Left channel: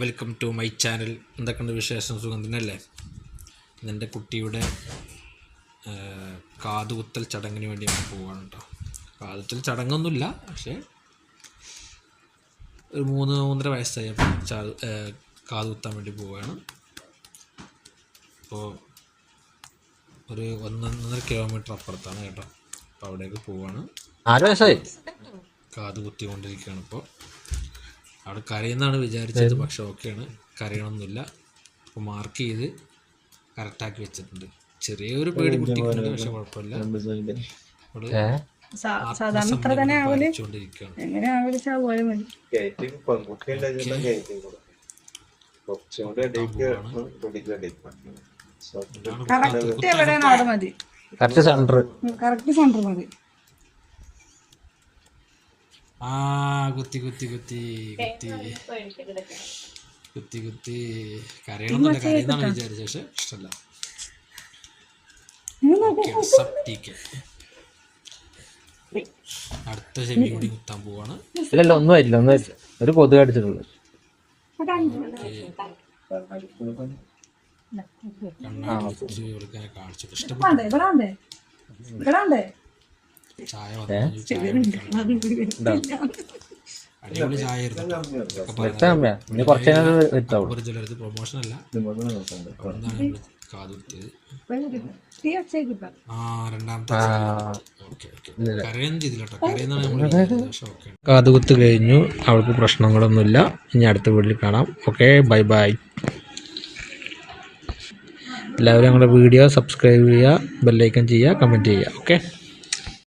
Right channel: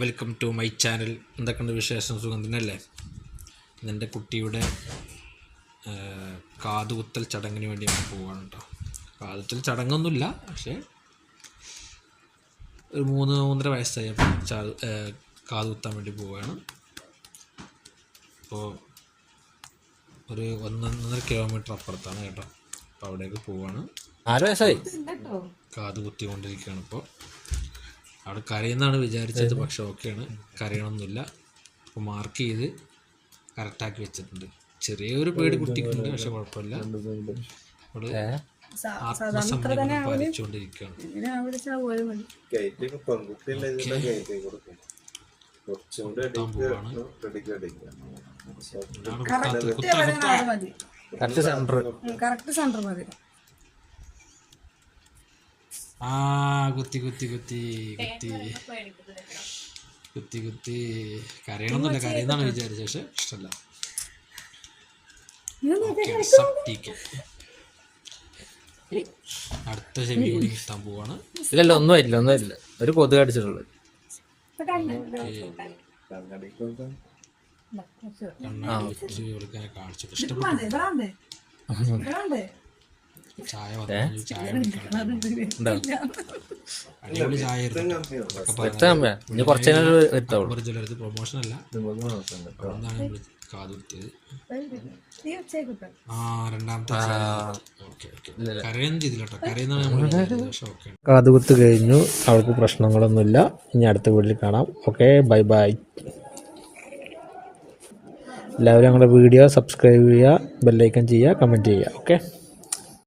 Welcome to my channel. എന്തൊക്കെയുണ്ട് വിശേഷം? സുഖം തന്നെയല്ലേ? എൻ്റെ കുട്ടിയുടെ കാതുകുത്തൽ ചടങ്ങിന് വേണ്ടി നമ്മൾ പോവുകയാണ് കേട്ടോ. കാതുകുത്തൽ ചടങ്ങൊന്നുമില്ല, പക്ഷേ ഒരു 3-3.5 വയസ്സായപ്പോൾ കാതുകുത്താൻ വേണ്ടി പോവുകയാണ്. അപ്പോൾ ഒരു 1.5 കിലോമീറ്റർ അപ്പുറത്താണ് കേട്ടോ. അപ്പോൾ അവിടേക്ക് പോവുകയാണ്. 6 വയസ്സായി കാത് കുത്തിക്കൊണ്ടിരിക്കുകയാണ്. ഇപ്പോൾ അവിടെ കരയുന്നതാണ് വിചാരിച്ചത്, പക്ഷെ ഓക്കെയാണ്, കരയണമൊന്നുമില്ല. അപ്പോൾ മാർക്ക് ചെയ്ത് കറക്റ്റാക്കി വെച്ചിട്ടുണ്ട്. ചെറിയൊരു പേടി കുട്ടിക്കുണ്ട്, പക്ഷെ കുഴപ്പമില്ല. അവിടെ ആത്മസംയമനം പാലിച്ചുകൊണ്ടിരിക്കുകയാണ്. കുത്തി കരയണമെന്നല്ല, കരയുന്നാണ് വിചാരിച്ചത്, പക്ഷെ ഇഷ്ടമല്ല. അടുത്ത ചെവി കൂടി കുത്താൻ പോവാണ്. ഇല്ല ഒന്നുമില്ല ഒരു കൊതുക് അടിച്ചിട്ടുള്ളൂ. കണ്ണാടി വെച്ച് കൊടുക്കാൻ കാണിച്ചിട്ട് ഇഷ്ടപ്പെട്ടു. ചായ വന്നു, ചായ അടിപൊളി ചായ ആയിരുന്നു. ചിലർക്ക് പ്രൊമോഷൻ അല്ല, അവിടുന്നാണ് നമ്മൾ കാതുകുത്തിയത്. രണ്ടാമത്തെ കരയുന്ന രീതിയിലോട്ടോ, കരയുന്നതാണ് നമ്മൾ വിചാരിച്ചത്, പക്ഷെ ഓക്കെ. കാതുകുത്ത് കഴിഞ്ഞു, അവൾക്ക് പ്രശ്നങ്ങളൊന്നുമില്ല. ഇനി അടുത്ത വീട്ടിൽ കാണാം. Okay, bye bye. എല്ലാവരും ഞങ്ങളുടെ വീഡിയോ സബ്സ്ക്രൈബ് ചെയ്യുക, ബെല്ലൈക്കൺ ചെയ്യുക, കമൻറ്റ് ചെയ്യുക. ഓക്കെ.